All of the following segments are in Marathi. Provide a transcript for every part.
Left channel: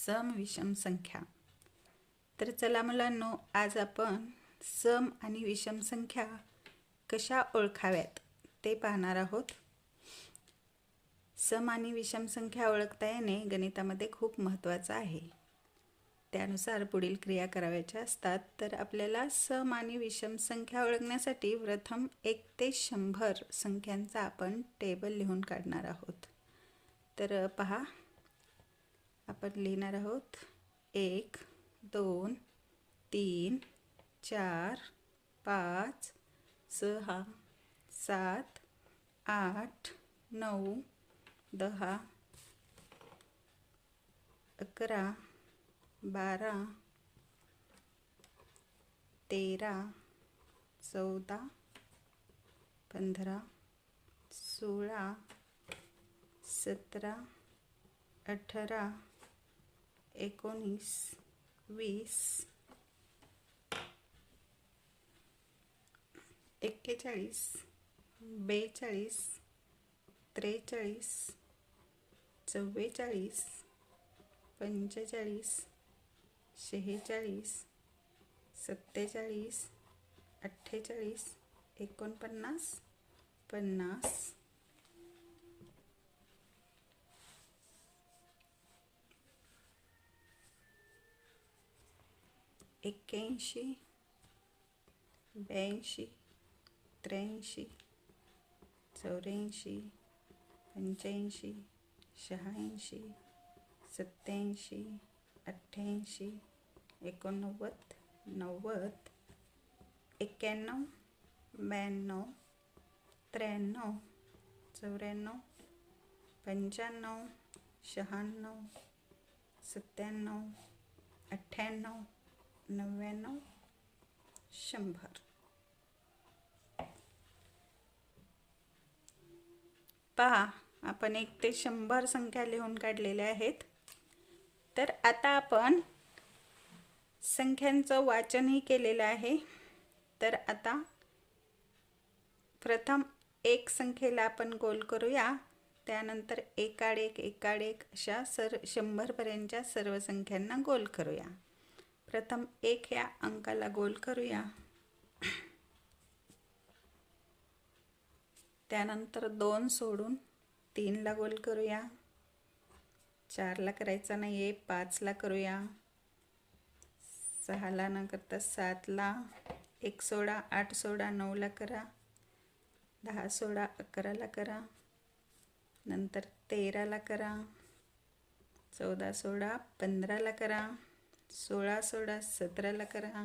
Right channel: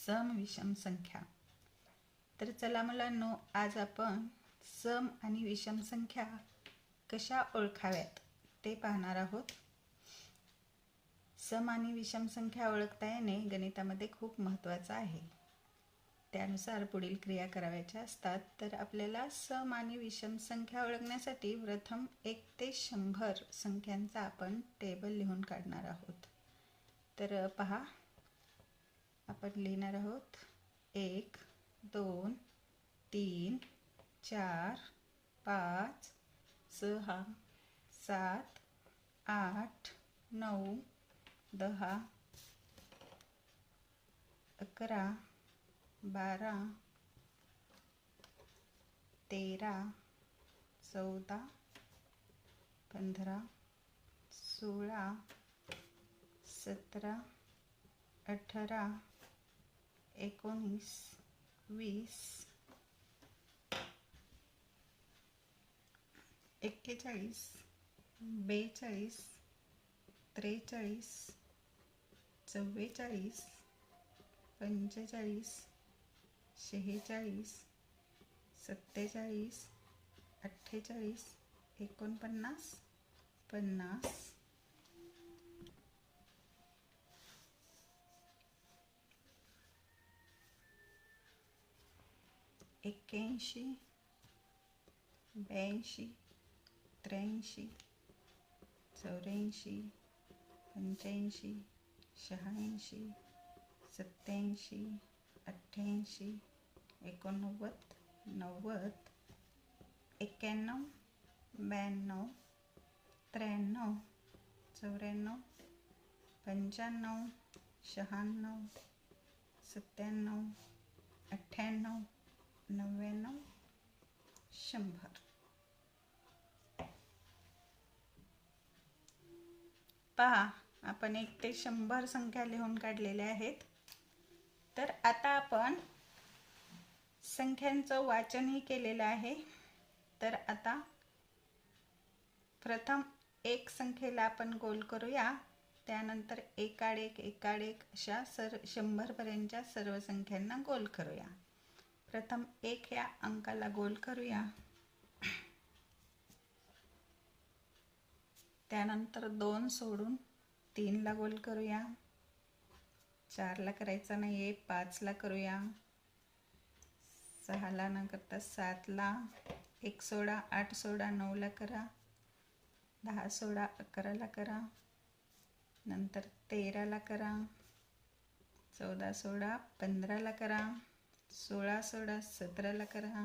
सम विषम संख्या। तर चला मुलांनो, आज आपण सम आणि विषम संख्या कशा ओळखाव्यात ते पाहणार आहोत। सम आणि विषम संख्या ओळखता येणे गणितामध्ये खूप महत्त्वाचं आहे। त्यानुसार पुढील क्रिया करावयाच्या असतात। तर आपल्याला सम आणि विषम संख्या ओळखण्यासाठी प्रथम 1 ते 100 संख्यांचा आपण टेबल लिहून काढणार आहोत। तर पहा, आपण लिहिणार आहोत 1 2 3 4 5 6 7 8 9 10 11 12 13 14 15 16 17 18 19 20 41 42 43 44 45 46 47 48 49 50 81 82 83 84 85 86 87 88 89 90 91 92 93 94 95 96 97 98 99 100। पहा, आपण 1 ते 100 संख्या लिहून काढलेल्या आहेत। तर आता आपण संख्यांचं वाचनही केलेलं आहे। तर आता प्रथम 1 संख्येला आपण गोल करूया, त्यानंतर एकाड एक अशा 100 पर्यंतच्या सर्व संख्यांना गोल करूया। प्रथम 1 या अंकाला गोल करूया, त्यानंतर 2 सोडून 3 ला गोल करूया, 4 ला करायचा नाहीये, 5 ला करूया, 6 ला न करता 7 ला, 1 सोडा 8 सोडा 9 ला करा, 10 सोडा 11 ला करा, नंतर 13 ला करा, 14 सोडा 15 ला करा, 16 सोडा 17 ला करा,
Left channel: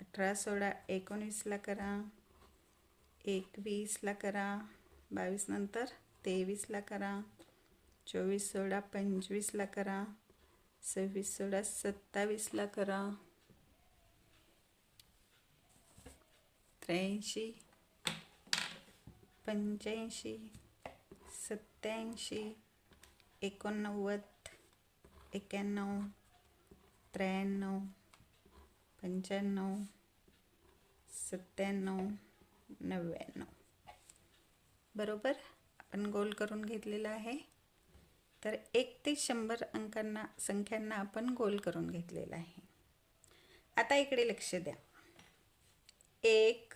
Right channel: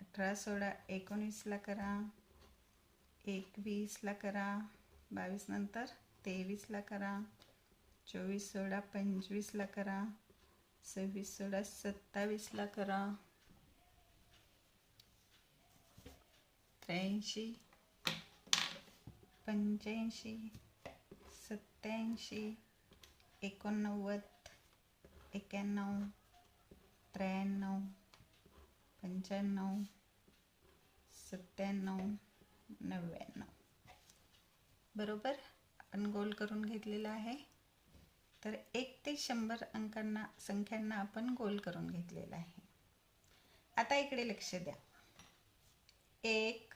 18 सोडा 19 ला करा, 21 ला करा, 22 नंतर 23 ला करा, 24 सोडा 25 ला करा, 26 सोडा 27 ला करा, 83 85 87 89 91 93 95 97 99। बरोबर, आपण गोल करून घेतलेला आहे। तर 1 ते 100 संख्यांना आपण गोल करून घेतलेला आहे। आता इकडे लक्ष द्या। 1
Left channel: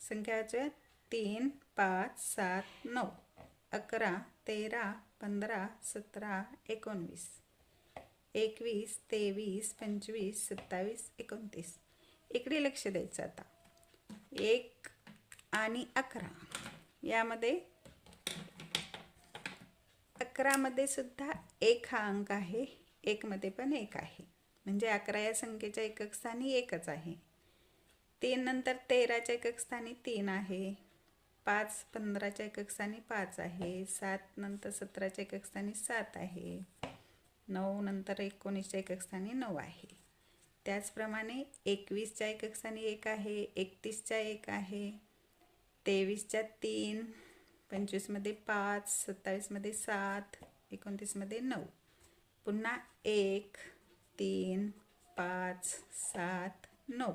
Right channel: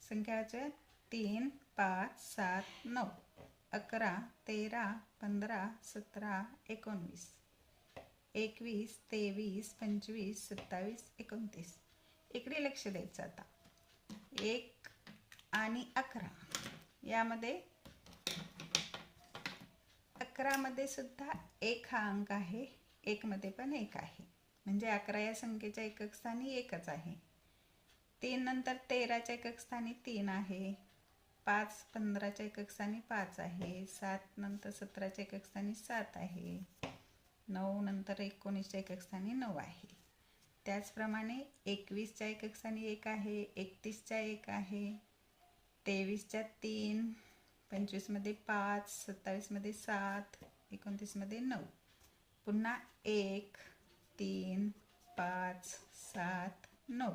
संख्या वाचूया, 3 5 7 9 11 13 15 17 19 21 23 25 27 29। इकडे लक्ष द्यायचं। आता 1 आणि 11 यामध्ये 11 मध्ये सुद्धा 1 हा अंक आहे, 1 मध्ये पण 1 आहे, म्हणजे 11 या संख्येच्या एकक स्थानी 1च आहे। 3 नंतर 13च्या एकक स्थानी 3 आहे, 5 15च्या एकक स्थानी 5 आहे, 7 नंतर 17च्या एकक स्थानी 7 आहे, 9 नंतर 19च्या एकक स्थानी 9 आहे। त्याचप्रमाणे 21च्या एकक स्थानी 1 आहे, 31च्या 1 आहे, 23च्या 3, 25 मध्ये 5, 27 मध्ये 7, 29 मध्ये 9, पुन्हा 1 3 5 7 9,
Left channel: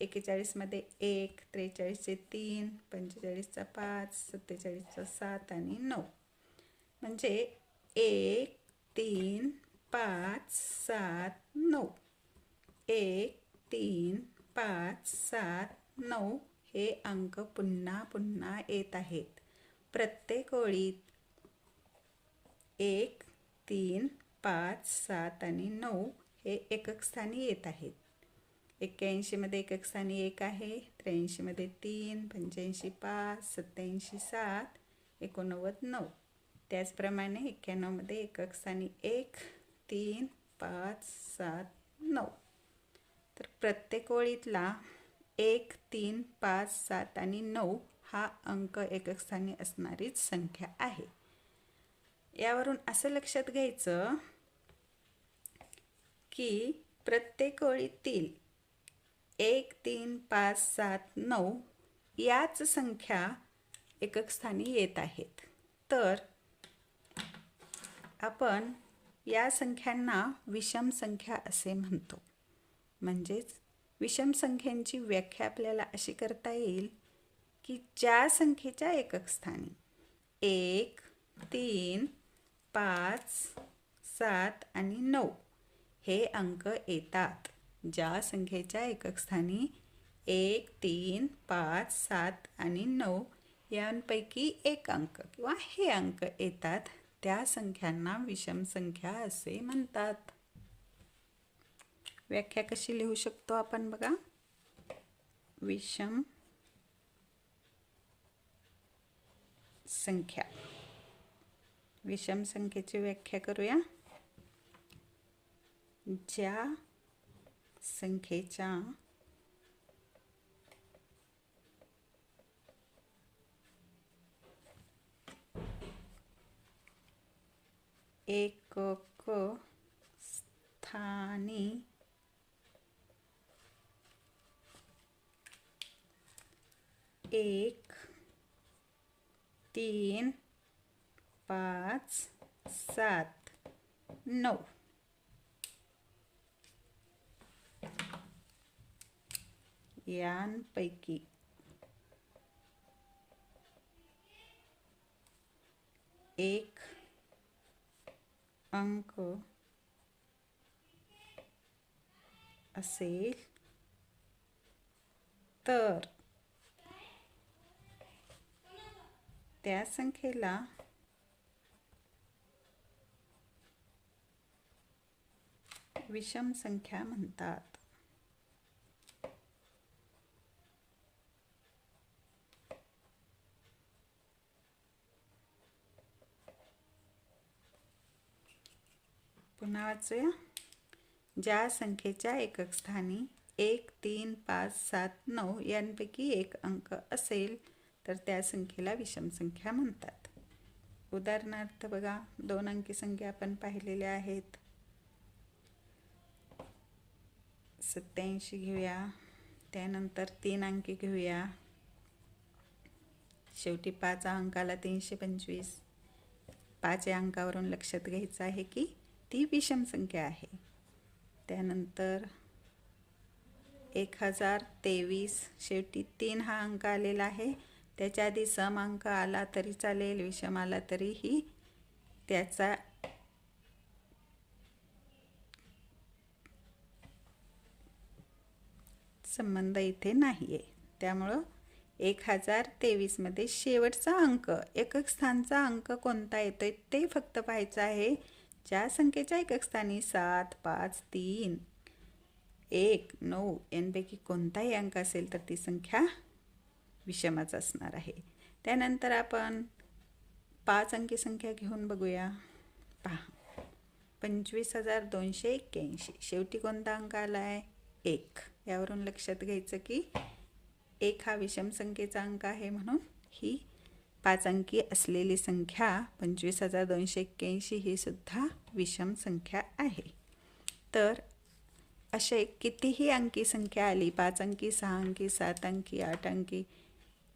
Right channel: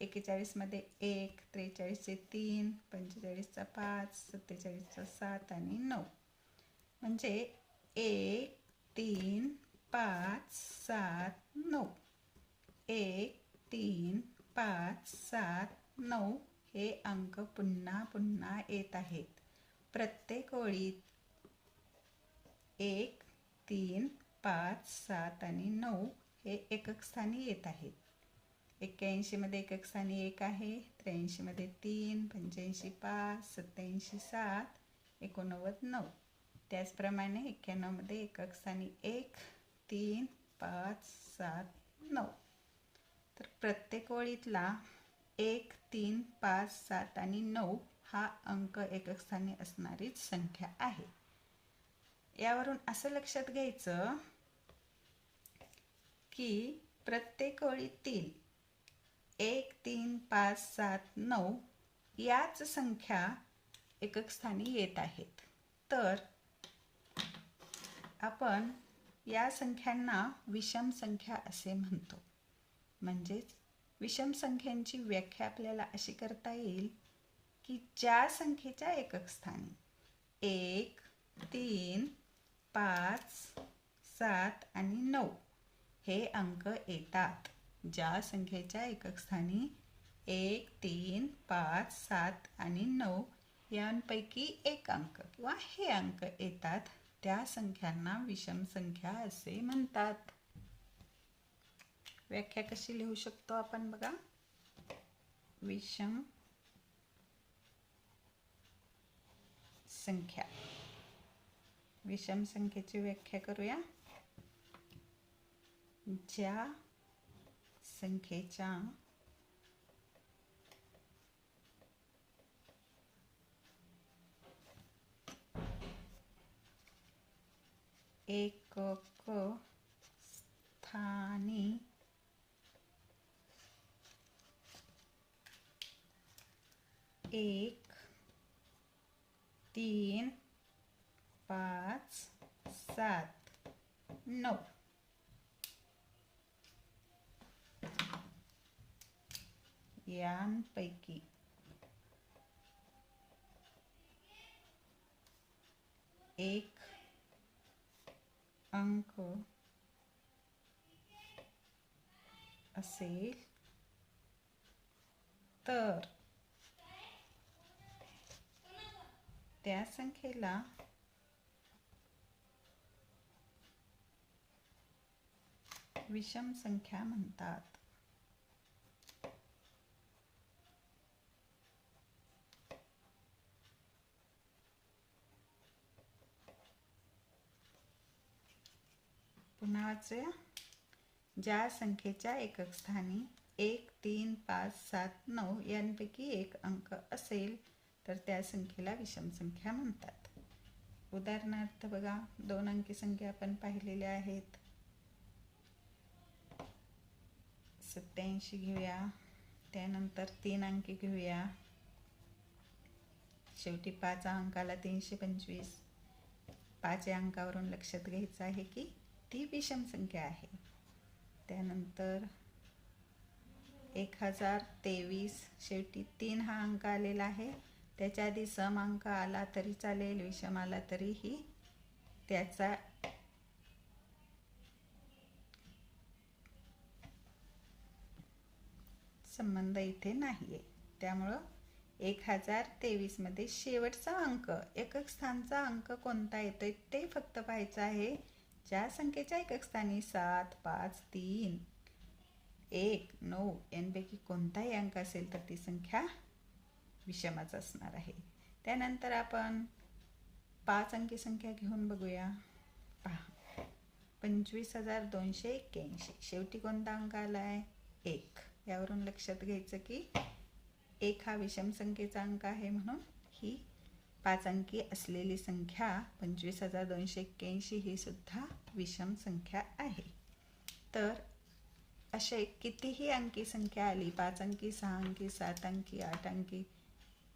41 मध्ये 1, 43चे 3, 45चा 5, 47चा 7 आणि 9, म्हणजे 1 3 5 7 9 1 3 5 7 9 हे अंक पुन्हा पुन्हा येत आहेत. प्रत्येक ओळीत 1 3 5 7 आणि 9 हे एकक स्थानी येत आहेत. 81 मध्ये एकक स्थानी 1 आहे, 83 मध्ये 3, 85 5, 87 7, 89 9. त्याचप्रमाणे 91 मध्ये एकक स्थानी 1 3 5 7 9. तर प्रत्येक ओळीतला 1 3 5 7 आणि 9 हा अंक एकक स्थानी असणारीच संख्या आहे. यावरून असं लक्षात घ्यायचं की प्रत्येक ओळीतील 1 3 5 7 9 याच संख्या एकक स्थानी येत आहेत. तर आपण या संख्यांना विषम संख्या असे म्हणतो. म्हणजेच विषम संख्यांची व्याख्या आपल्याला अशी करता येईल की ज्या संख्येच्या एकक स्थानी 1 3 5 7 आणि 9 हे अंक येतात. ज्या संख्येच्या एकक स्थानी 1 3 5 7 आणि 9 यांपैकी एक अंक किंवा हे अंक येतात त्या संख्यांना विषम संख्या असे म्हणतात. व्याख्या कशी लिहू शकतो आपण बघा. विषम संख्या. विषम संख्येची व्याख्या करूया. ज्या संख्येच्या एकक स्थानी 1 3 5 7 9 यांपैकी एक अंक असेल तर त्या संख्येला विषम संख्या म्हणतात. पुन्हा वाचूया. ज्या संख्येच्या एकक स्थानी 1 3 5 7 9 यांपैकी एक अंक असेल तर त्या संख्येला विषम संख्या म्हणतात. उदाहरणार्थ बघा, 2 अंकी संख्या आपण पाहिलेल्या आहेत. 87 घेऊया, त्यानंतर 3 अंकी घेऊया, शेवटी 5 अंकाला 325. 5 या अंकावरून लक्षात घ्यायचं आहे की ती विषम संख्या आहे. त्यानंतर 1023, शेवटी 3 हा अंक आलेला आहे. त्याच्या आधी सम अंक आला तरी चालेल, विषम आला तरीही त्याचा संबंध इथे नाही आहे. त्यामुळं 1023 मध्ये शेवटचा अंक, एकक स्थानचा अंक कोणता येतोय ते फक्त पाहायचं आहे. ज्या संख्येच्या एकक स्थानी 7 5 3 1 9 यांपैकी कोणताही अंक असेल तर ती संख्या विषमच असणार आहे. त्यानंतर आपण 5 अंकी संख्या घेऊन बघूया. पहा, 25,281, शेवटी कोणता अंक आला आहे? 1. यावरून लक्षात घ्यायचं की 1 हा विषम संख्येचा अंक आहे, म्हणून ही 5 अंकी असलेली संख्या 25,281 ही सुद्धा विषम संख्या आहे. तर असे कितीही अंकी संख्या आली, 5 अंकी, 6 अंकी, 7 अंकी, 8 अंकी,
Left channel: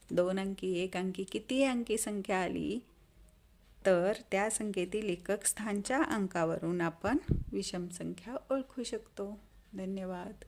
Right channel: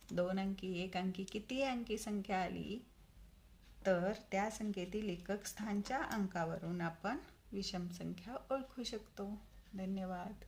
2 अंकी, 1 अंकी, कितीही अंकी संख्या आली तर त्या संख्येतील एकक स्थानच्या अंकावरून आपण विषम संख्या ओळखू शकतो. धन्यवाद.